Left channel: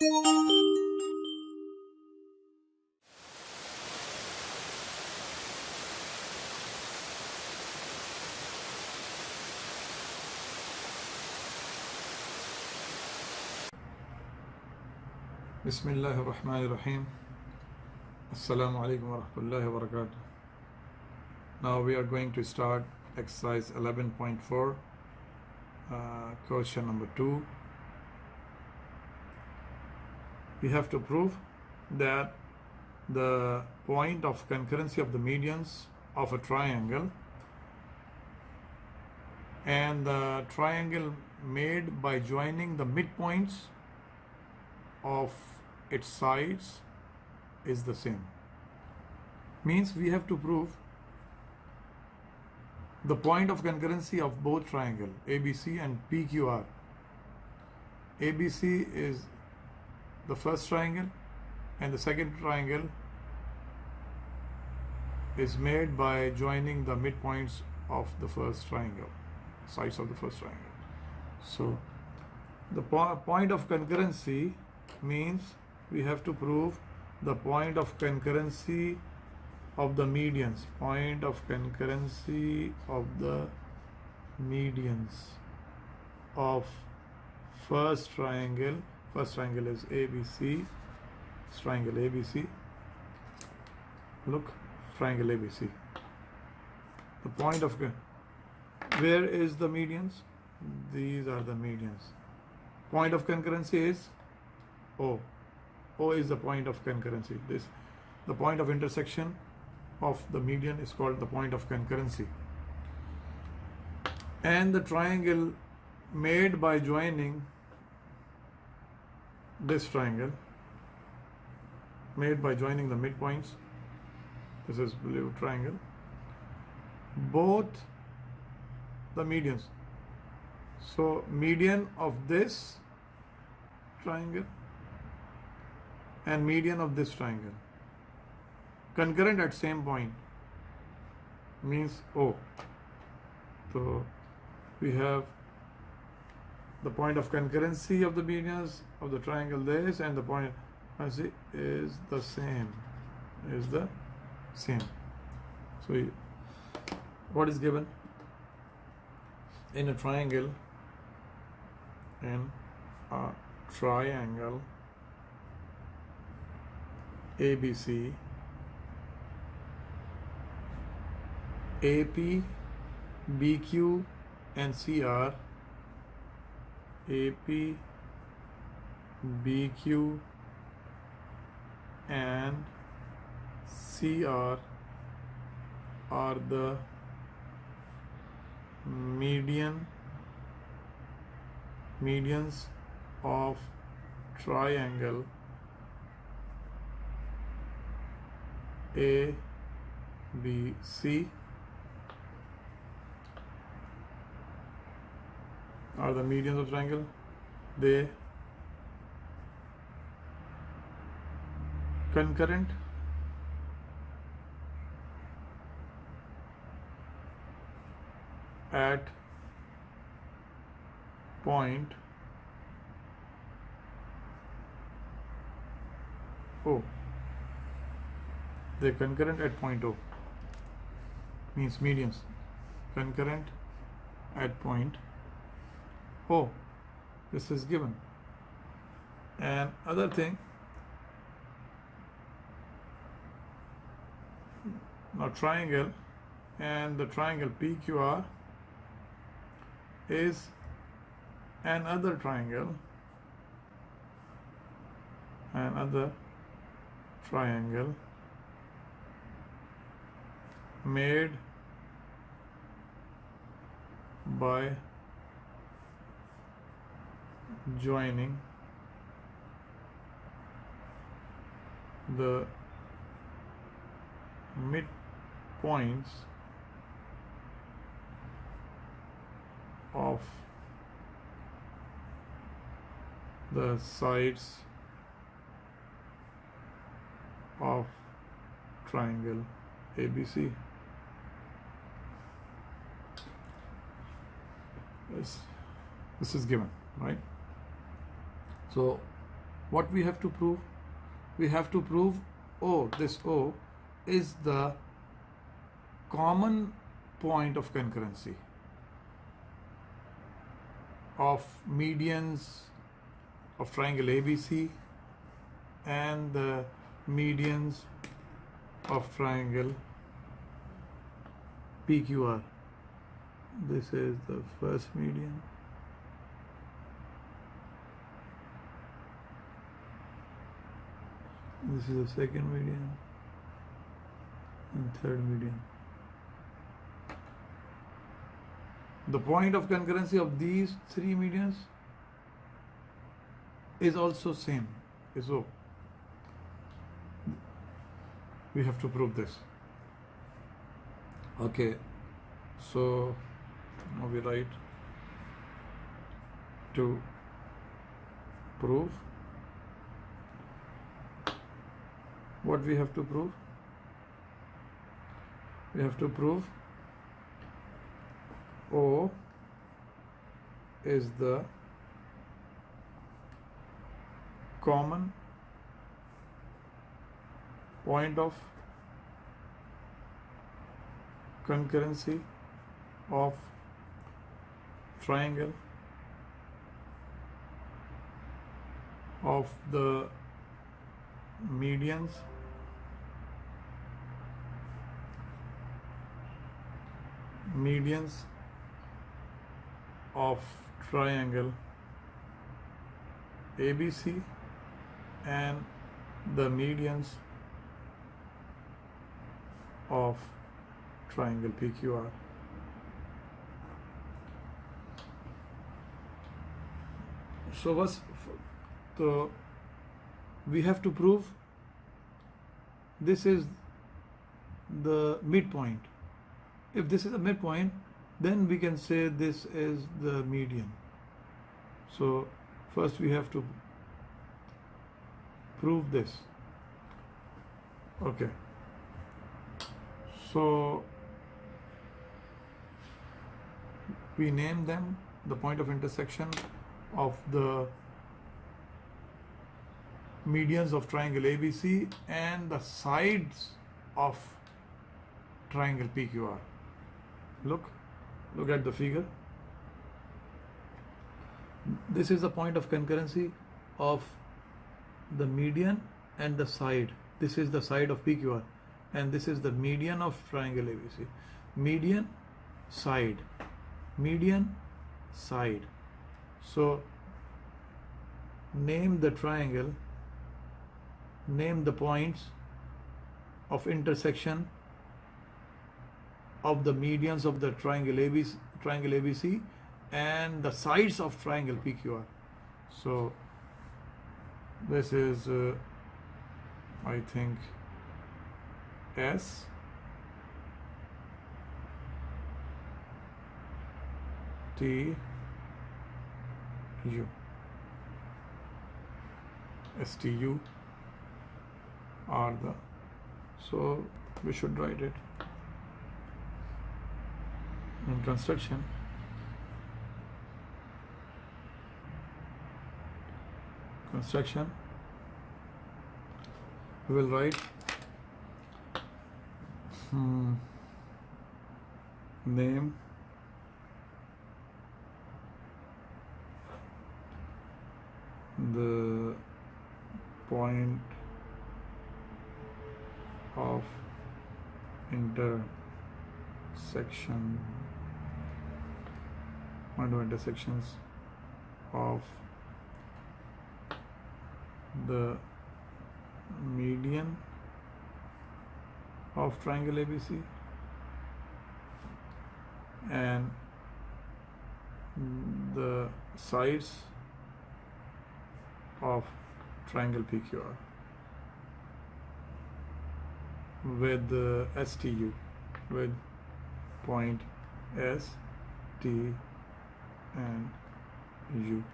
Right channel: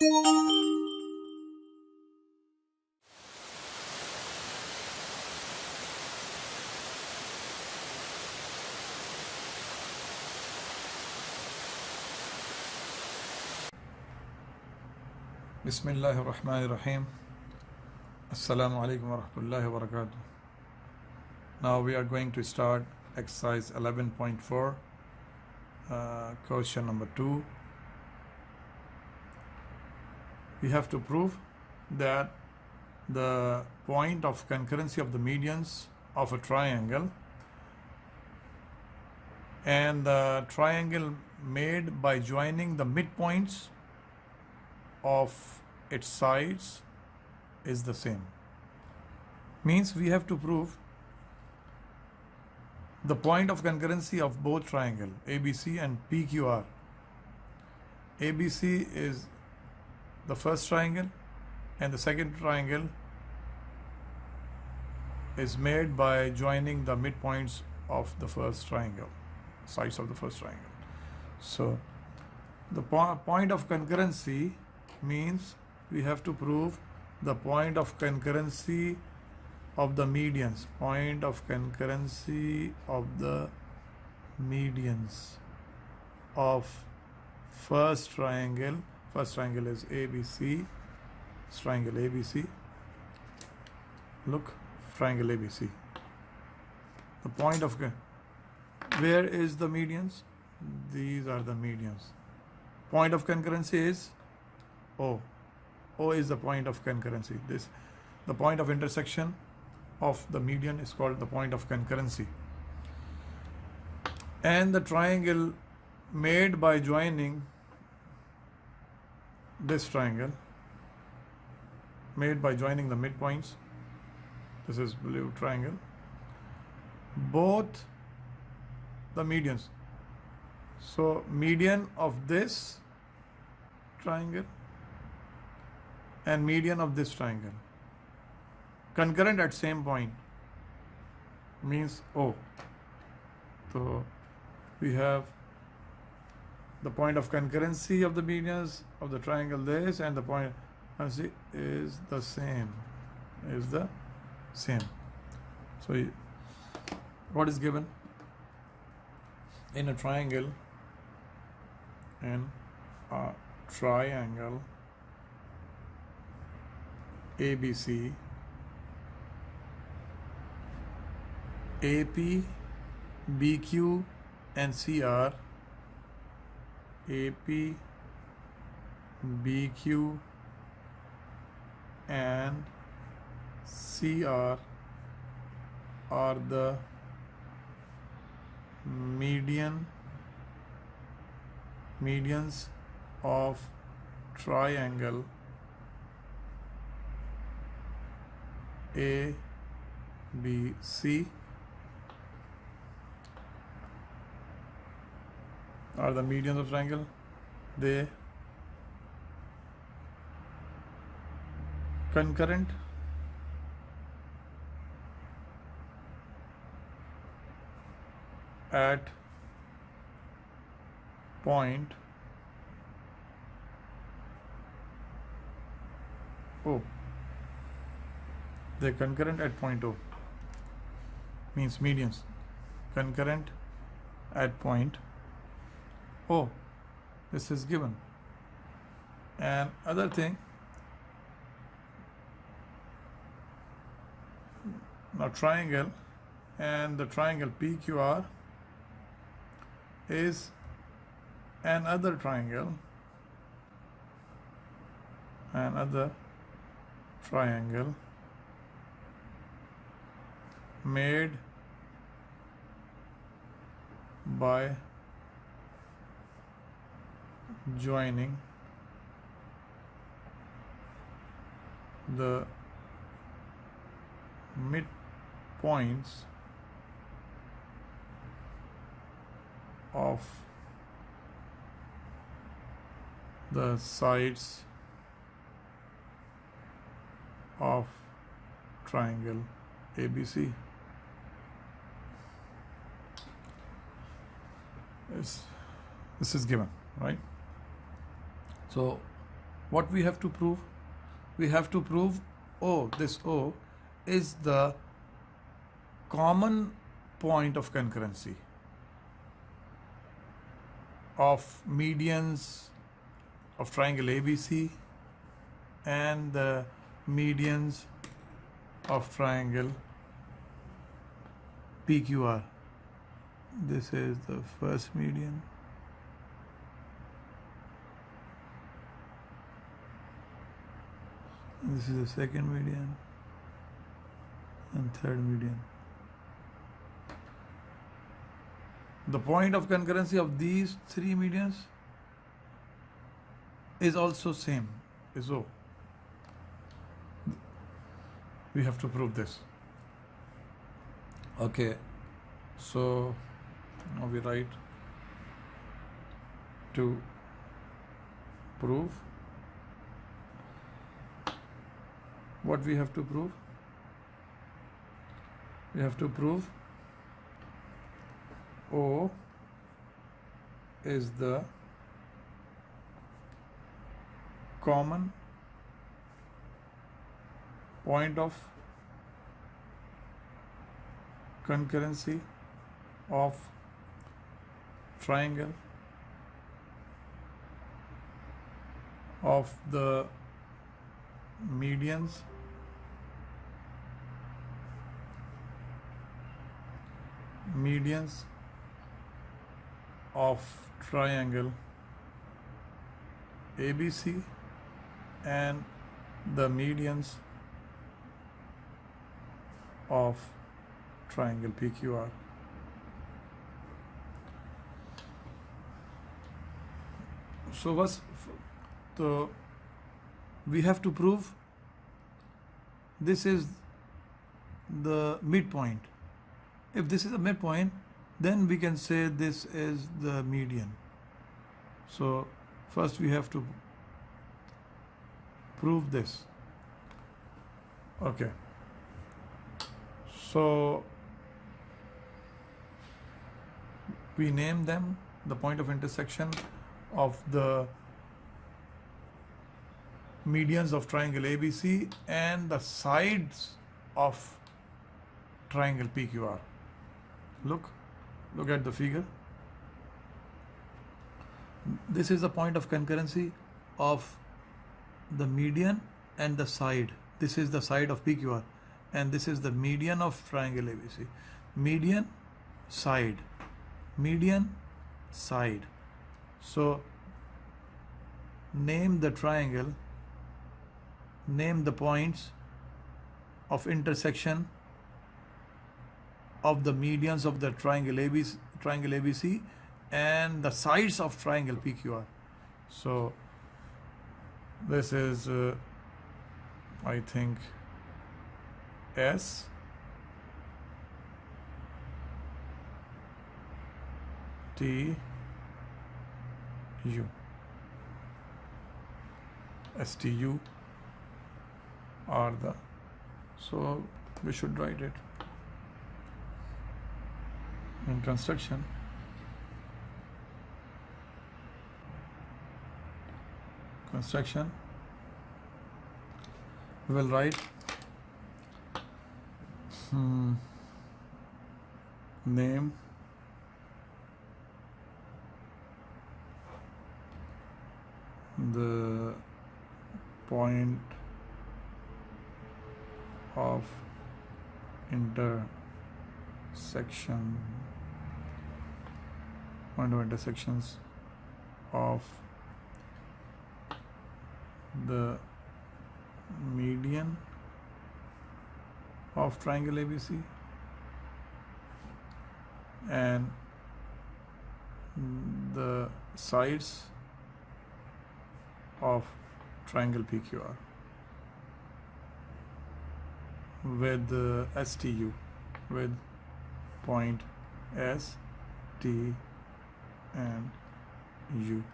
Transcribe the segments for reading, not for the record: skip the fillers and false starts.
Bismillahir Rahmanir Rahim. Assalamu alaikum wa rahmatullahi wa barakatuh. Now we are going to start exercise 11.4, question number 2. We have to prove that the point of concurrency of the medians of a triangle and the triangle made by joining the midpoints of its sides is the same. Means we have to prove the point of concurrency of both triangle ABC and PQR. ABC is the first triangle and the second triangle is made by joining the midpoints of the first triangle, sides of the first triangle. So the point of concurrency means we have to prove the point of concurrency of the medians, point of concurrency of the medians of first triangle is ABC, triangle ABC, look, triangle ABC. The point of, where is the medians? These are the medians. Point of concurrency is O. O is the point of concurrency. The point of intersection of the median is called the point of concurrency. And the triangle made by joining this triangle, made by joining the midpoints, this is blue triangle, both the medians. So median of this triangle and median of this triangle concurrent at same point means O. So we have the point of concurrency of the medians of the triangle this, and the point is the same, So what is given in a triangle, ABC, AP, BQ and CR, AP, BQ and CR are the medians of triangle ABC, are the medians of triangle. They concurrent at point O. They concurrent at point O means medians concurrent at point O. This is given. And other thing, now triangle and the triangle PQR is another triangle made by joining the midpoints of the sides of triangle ABC. This is given, right? So what we have to prove? We have to prove O, this O is the common point of concurrency of medians of triangle ABC and the medians of triangle PQR. This is the first median. This is the second median and third median. The point of concurrency of these three medians is also same, is O. We have to prove this. Okay, so now we write to prove. What we have to prove? We have to prove O is the common point of concurrency of triangle of the medians of triangle ABC and the medians of triangle PQR. So we have to prove this is the midpoint. If this is a midpoint, then we can say this is the median. So first we have to prove this. Okay. So we name them the point of intersection of the medians of triangle ABC and the sides of triangle PQR. Look at the figure. This is the point of concurrency of the median and the side. This is the side of PQR and this is the median of triangle ABC. Median, side. Median, side. So name the triangle, name the points of intersection of the medians of the triangle ABC and the sides of triangle PQR. So this is I think S T U. STU are the, so we should write it in construction. We will write name the point of intersections of the median of triangle ABC and the sides of triangle PQR with STU, with point S, T and U.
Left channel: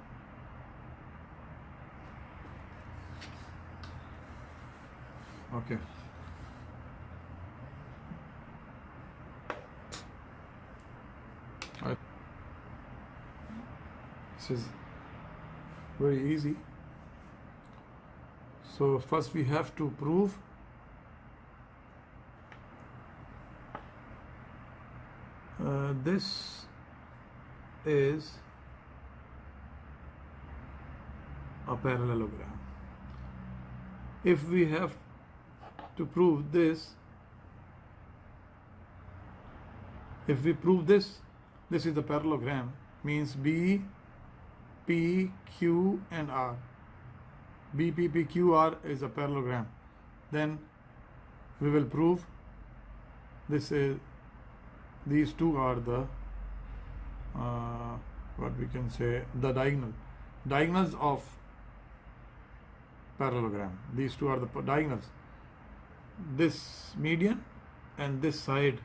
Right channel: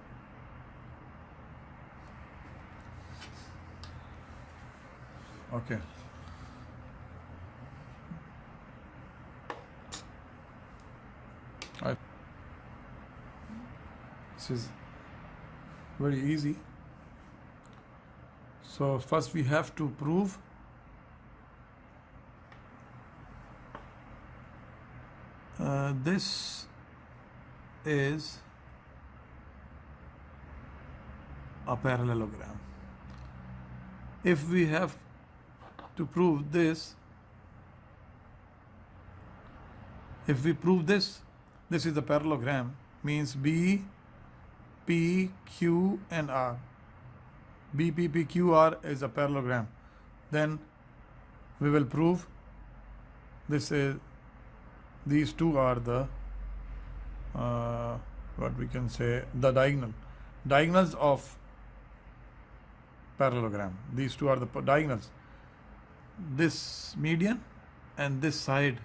Okay. This is very easy. So first we have to prove this is a parallelogram. If we have to prove this, if we prove this is the parallelogram, means B, P, Q and R. B, P, P, Q, R is a parallelogram. Then we will prove this is, these two are the what we can say, the diagonals of parallelogram. These two are the diagonals. This median and this side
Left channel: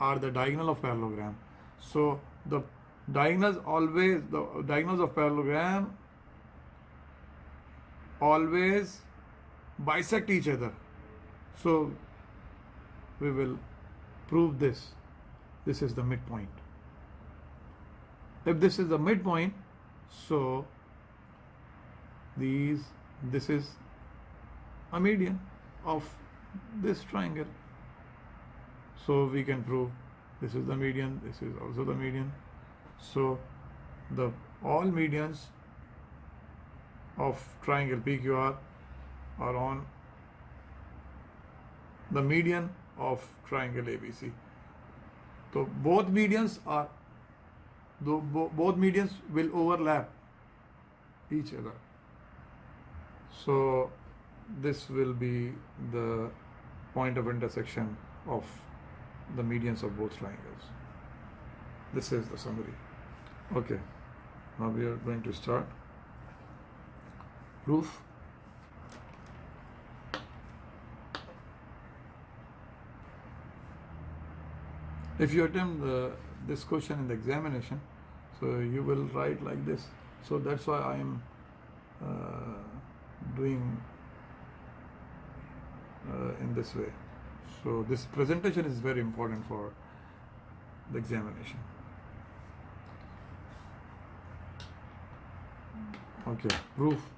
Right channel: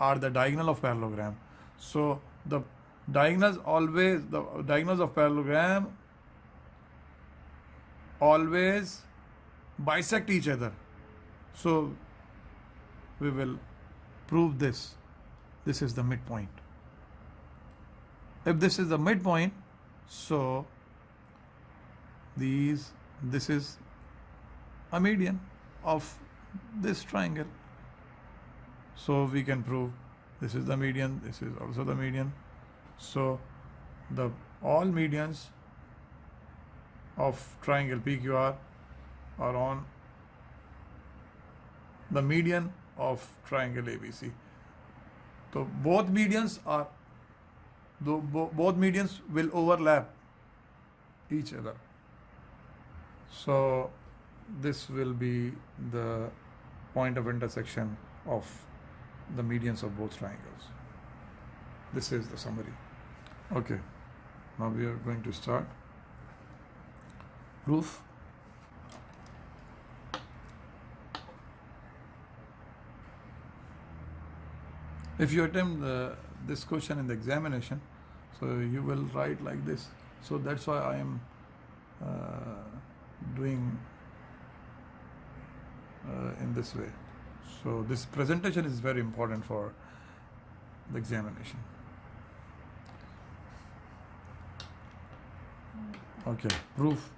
are the diagonal of parallelogram. So the diagonals of parallelogram always bisect each other. So we will prove this. This is the midpoint. If this is the midpoint, so this is a median of this triangle. So we can prove this is the median, this is also the median. So all medians of triangle PQR are on the median of triangle ABC. So both medians will overlap each other. So this will be the point of intersection of the medians of both triangles. This is the summary. Okay, now we are going to start proof. If you attempt this question in the examination, so you will write like this. So that's why I am doing in this way. So this presentation is very important for the examination. Okay, proof.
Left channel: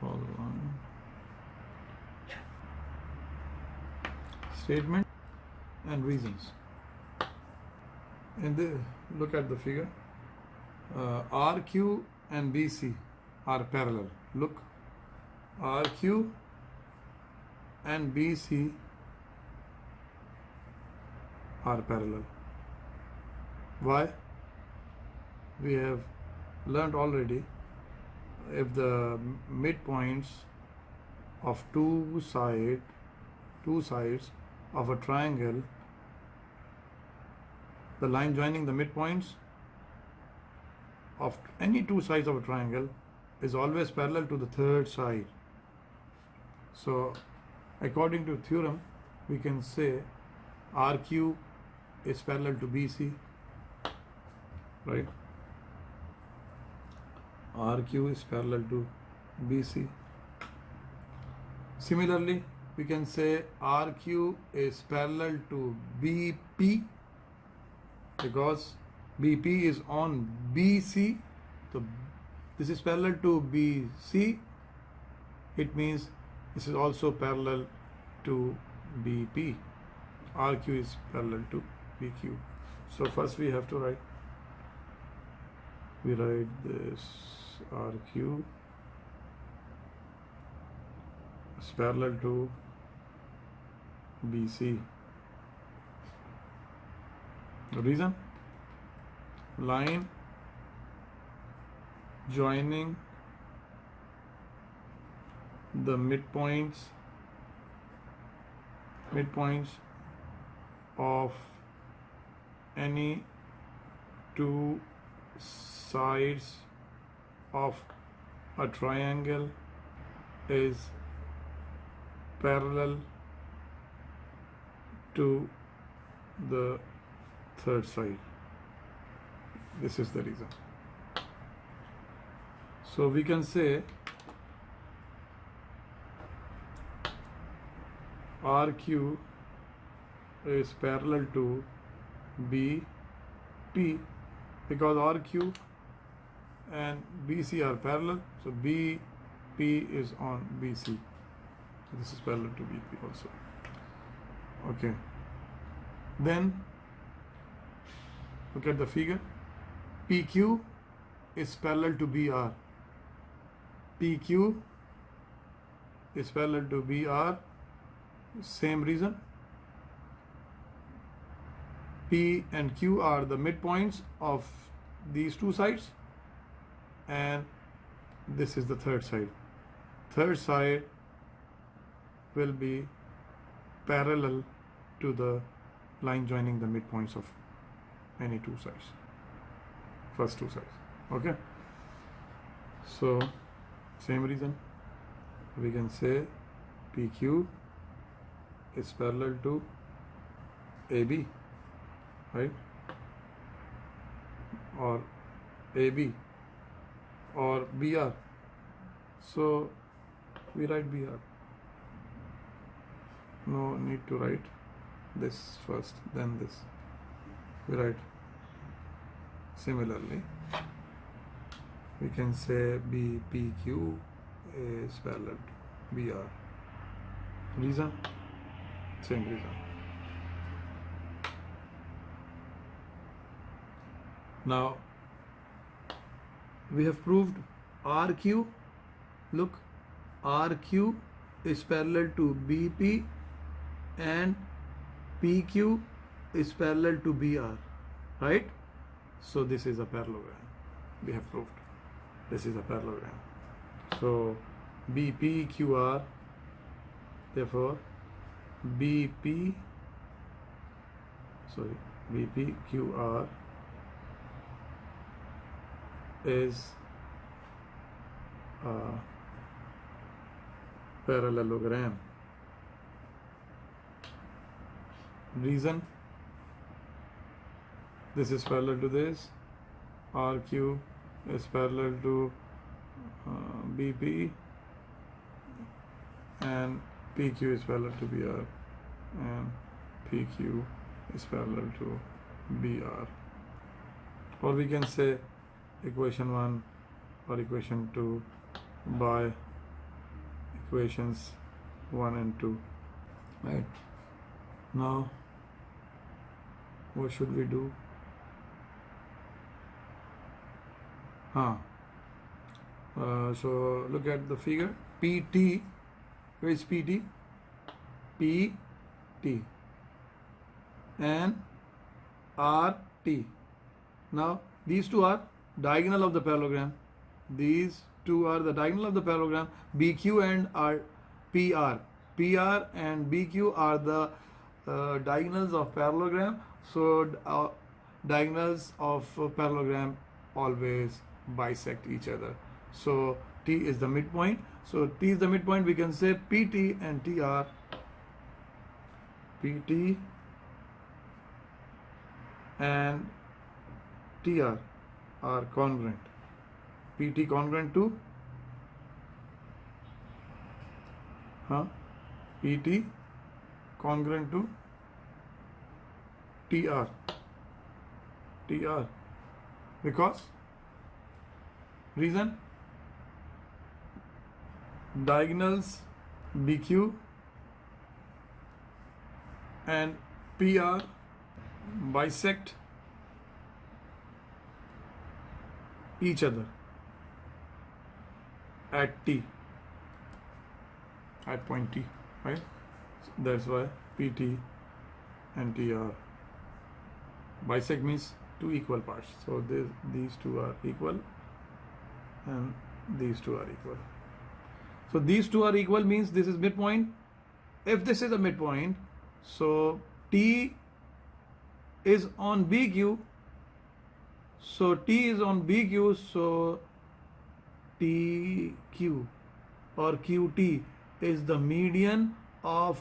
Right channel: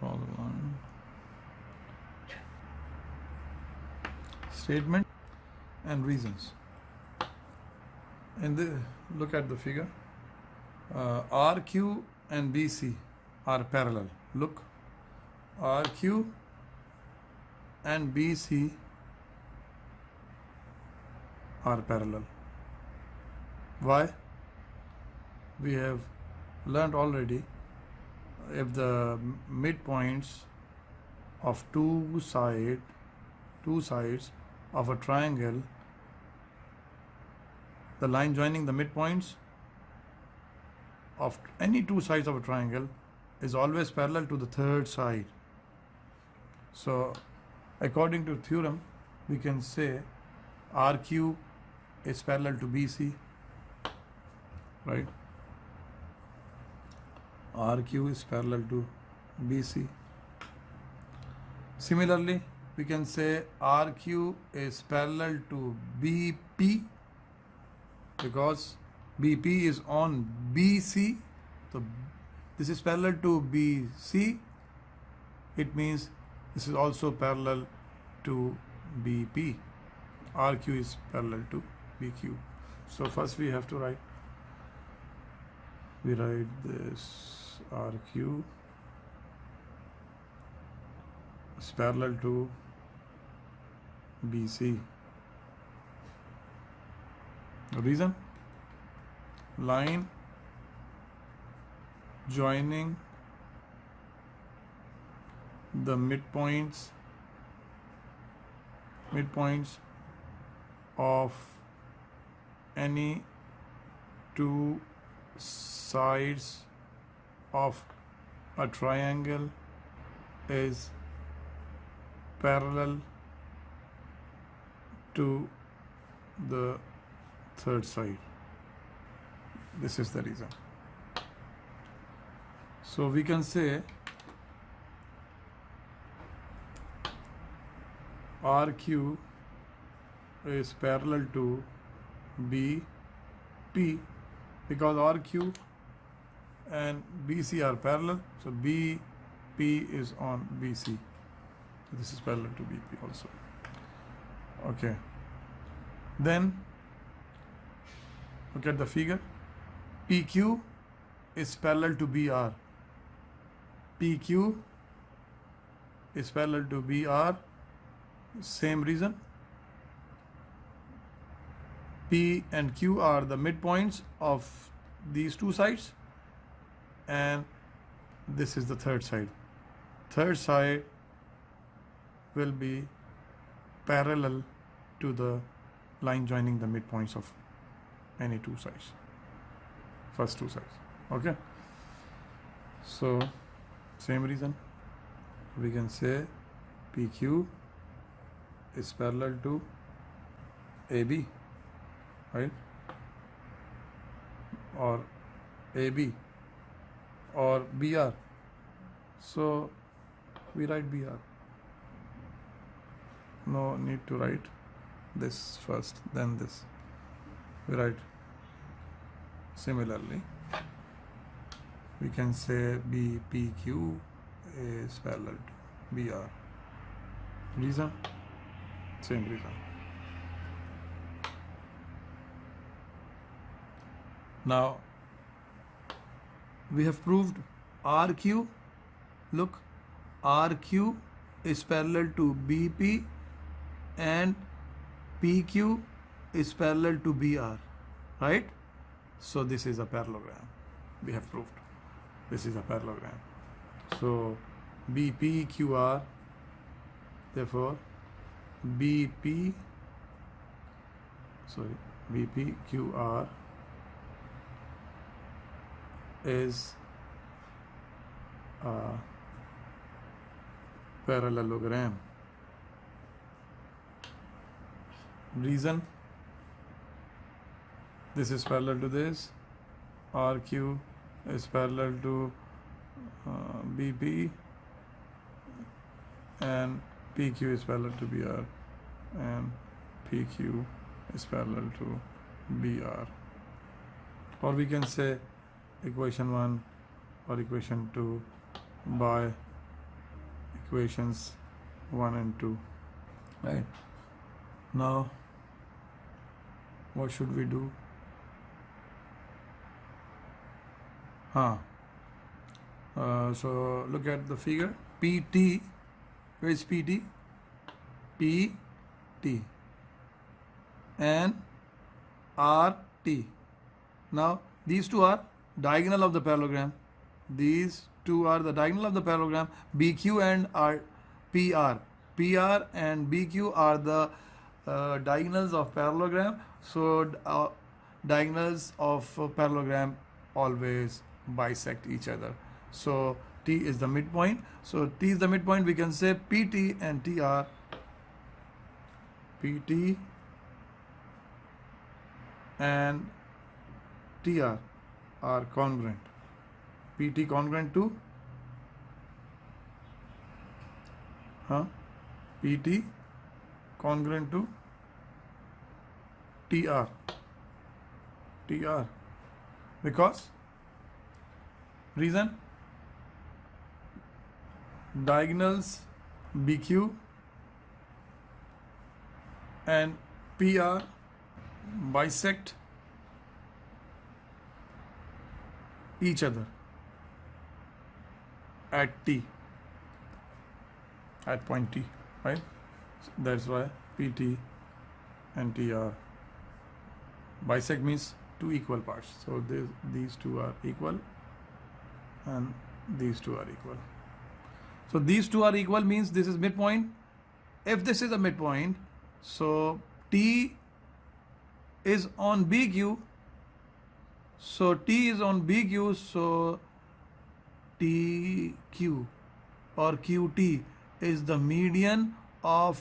Draw the line. Statement and reasons. Look at the figure. RQ and BC are parallel. Look, RQ and BC are parallel. Why? We have learned already, if the midpoints of two sides of a triangle, the line joining the midpoints of any two sides of a triangle is always parallel to the third side. So according to theorem, we can say RQ is parallel to BC, right? RQ is parallel to BC. Similarly, we can say RQ is parallel to BP because BP is on BC. So this is parallel to BC. It means this is also parallel to BP. RQ is parallel to BQ. So first we have to write this RQ is parallel to BC. The reason? Line joining the midpoints of any two sides of a triangle is parallel to the third side. This is the reason. So we can say RQ is parallel to BP because RQ and BC are parallel, so BP is on BC. So this is parallel to BP also. Okay. Then look at the figure. PQ is parallel to BR. PQ is parallel to BR. Same reason. P and Q are the midpoints of these two sides, and this is the third side. Third side will be parallel to the line joining the midpoints of any two sides, first two sides. Okay, so same reason we can say PQ is parallel to AB, right? Or AB or BR. So we write BR. No need to write this first, then this. We write similarly. We can say BPQ is parallel to BR. Reason? Same reason. Now we have proved RQ. Look, RQ is parallel to BP and PQ is parallel to BR, right? So this is a parallelogram. We have proved this is a parallelogram. So BPQR, therefore BPQR is a parallelogram. Reason? This is parallel to this. RQ is parallel to BP, and PQ is parallel to BR, and PQ is parallel to BR. Or we can say equation 1 or equation 2 by equations 1 and 2. Right? Now, what should we do? So look at the figure. PT, where is PT? PT and RT. Now these two are diagonal of the parallelogram. These two are the diagonal of the parallelogram. BQ and PR. PR and BQ are the diagonals of parallelogram. So diagonals of parallelogram always bisect each other. So T is the midpoint. So T is the midpoint. We can say PT and TR. PT and TR are congruent. PT congruent to PT congruent to TR. Because reason, diagonals BQ and PR bisect each other at T, at point T, right? So that's why PT and TR bisect means two equal parts. So these two are equal and these two are equal. So these two are equal means this is midpoint. If this is a midpoint, so T is on BQ. So T is on BQ, so TQ or QT is the median of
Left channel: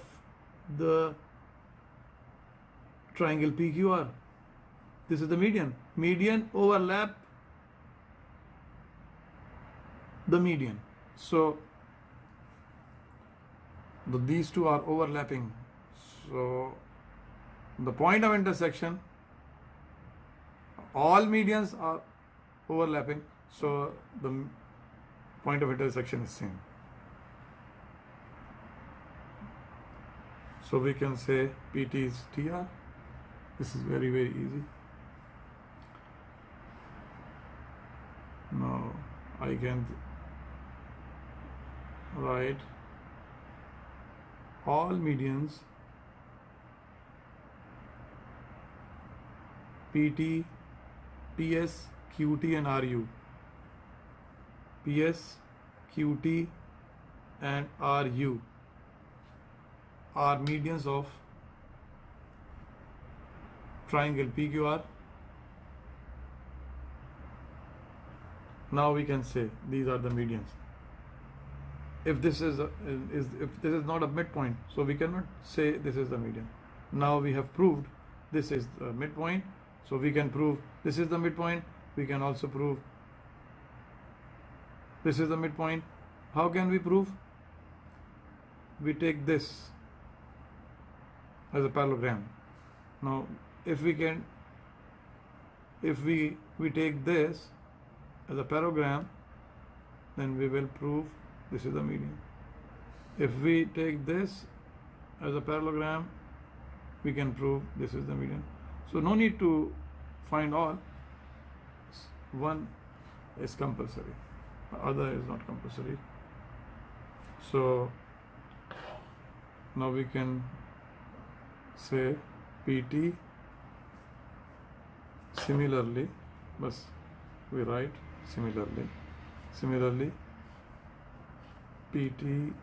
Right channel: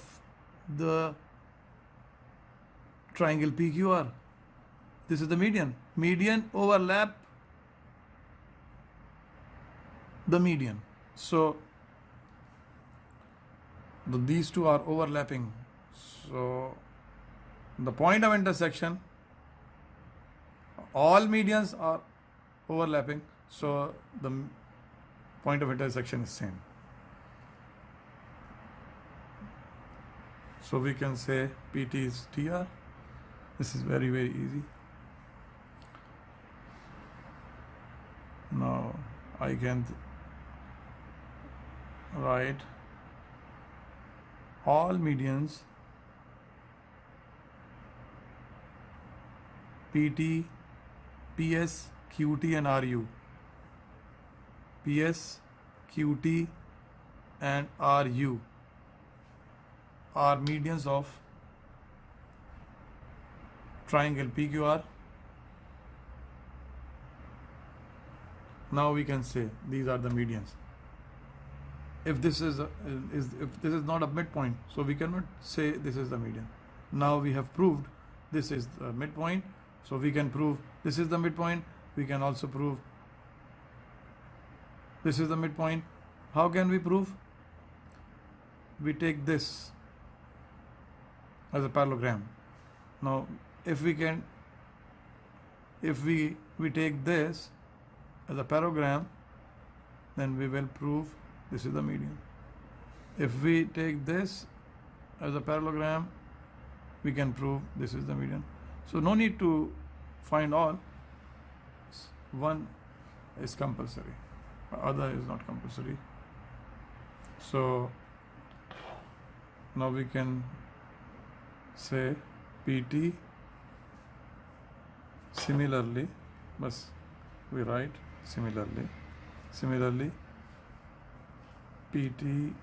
the triangle PQR. This is the median. Median overlap the median. So these two are overlapping. So the point of intersection, all medians are overlapping. so the point of intersection is same. So we can say PT is TR. This is very, very easy. Now I can write all medians PT, PS, QT and RU. PS, QT and RU are medians of triangle PQR. Now we can say these are the medians. If this is not a midpoint, so we cannot say this is the median. Now we have proved this is the midpoint, so we can prove this is the midpoint. We can also prove this is the midpoint. How can we prove? We take this as a parallelogram. Now if we take this as a parallelogram, then we will prove this is the median. If we take this as a parallelogram, we can prove this is the median. So no need to find all. One is compulsory, other is not compulsory. So now we can say PT similarly, but we write similarly PT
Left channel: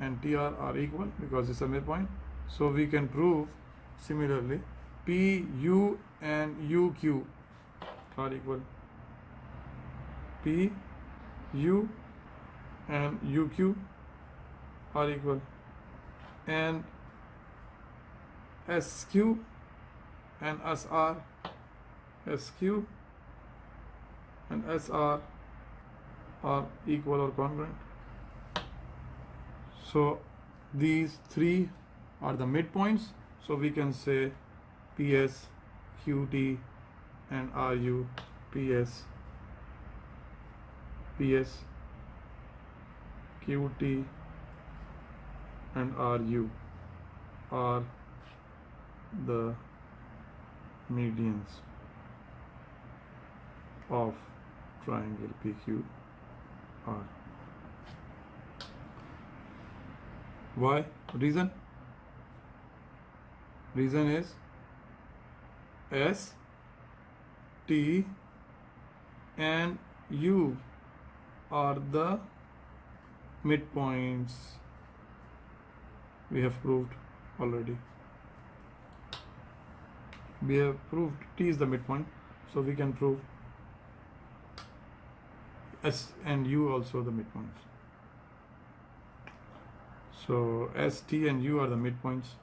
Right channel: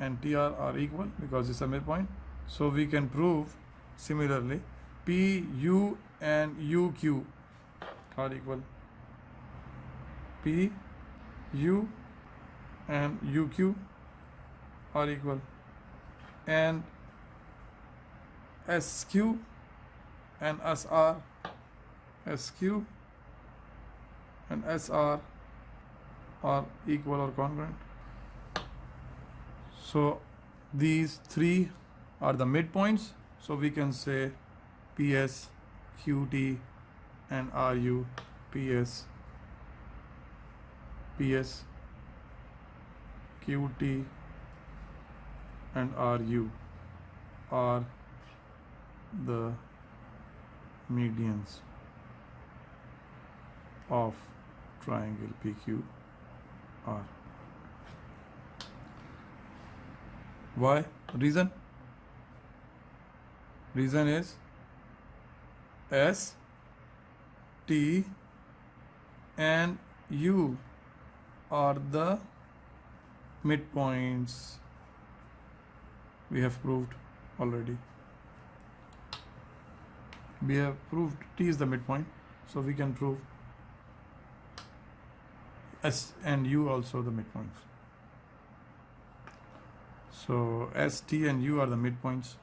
and TR are equal because it's a midpoint. So we can prove similarly PU and UQ are equal. PU and UQ are equal, and SQ and SR are equal or congruent. So these three are the midpoints. So we can say PS, QT and RU. PS, QT and RU are the medians of triangle PQR. Why? Reason is S, T and U are the midpoints. We have proved already. We have proved T is the midpoint, so we can prove S and U also the midpoints. So S, T and U are the midpoints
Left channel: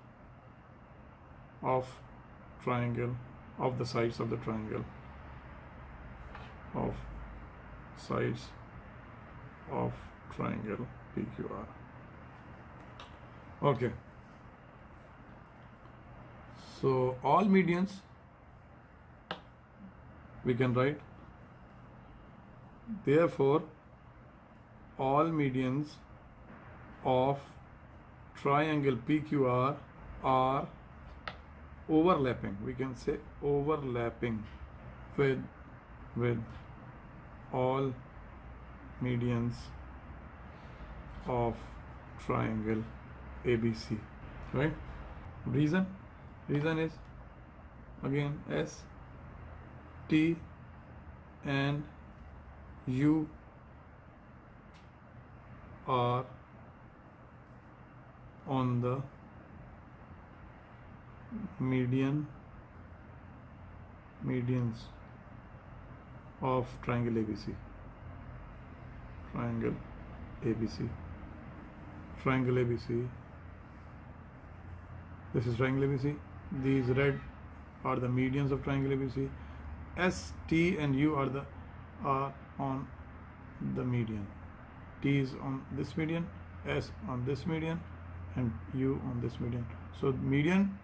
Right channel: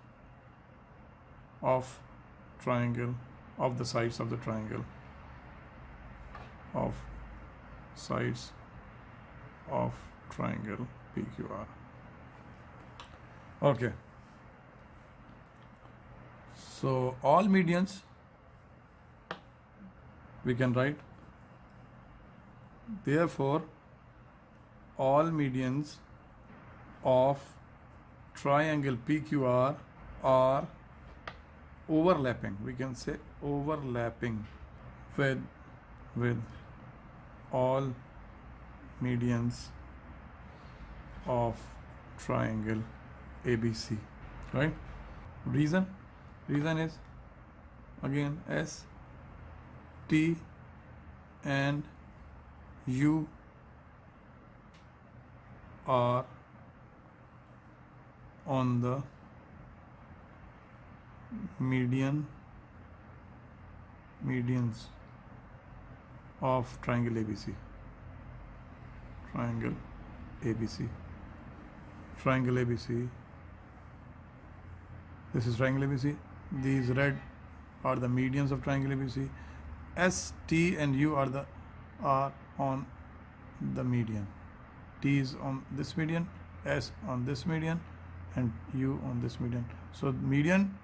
of triangle, of the sides of the triangle, of sides of triangle PQR. Okay. So all medians we can write. Therefore, all medians of triangle PQR are overlapping. We can say overlapping with all medians of triangle ABC. Right? Reason is again S, T and U are on the medians of triangle ABC. Triangle ABC. This is triangle ABC. These red are the medians of triangle ABC. S, T and U are on the median. T is on this median, S on this median, and U on this median. So median,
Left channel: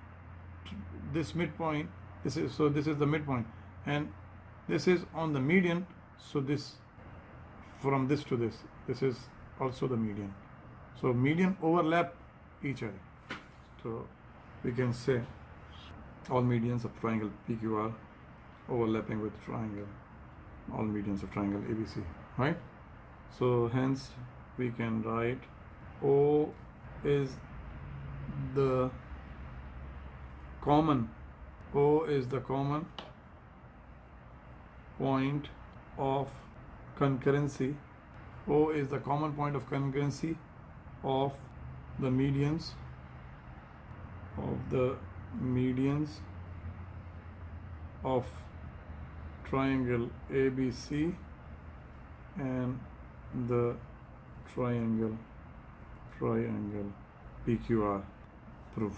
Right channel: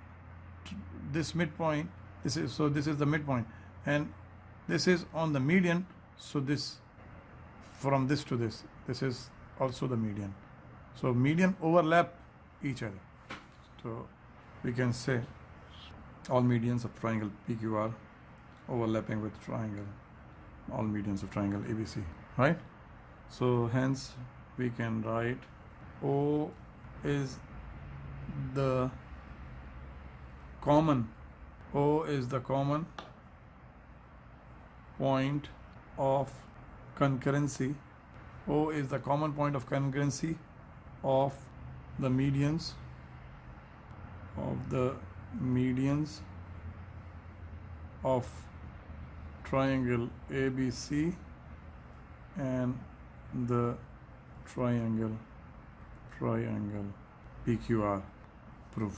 this midpoint, this is the midpoint, and This is on the median, so this from this to this is also the median. So median overlap each other. So we can say all medians of triangle PQR overlapping with triangle, all medians of triangle ABC, right? So hence we can write O is the common point of concurrency. O is the common point of concurrency of the medians of triangle ABC and the triangle PQR. Proved.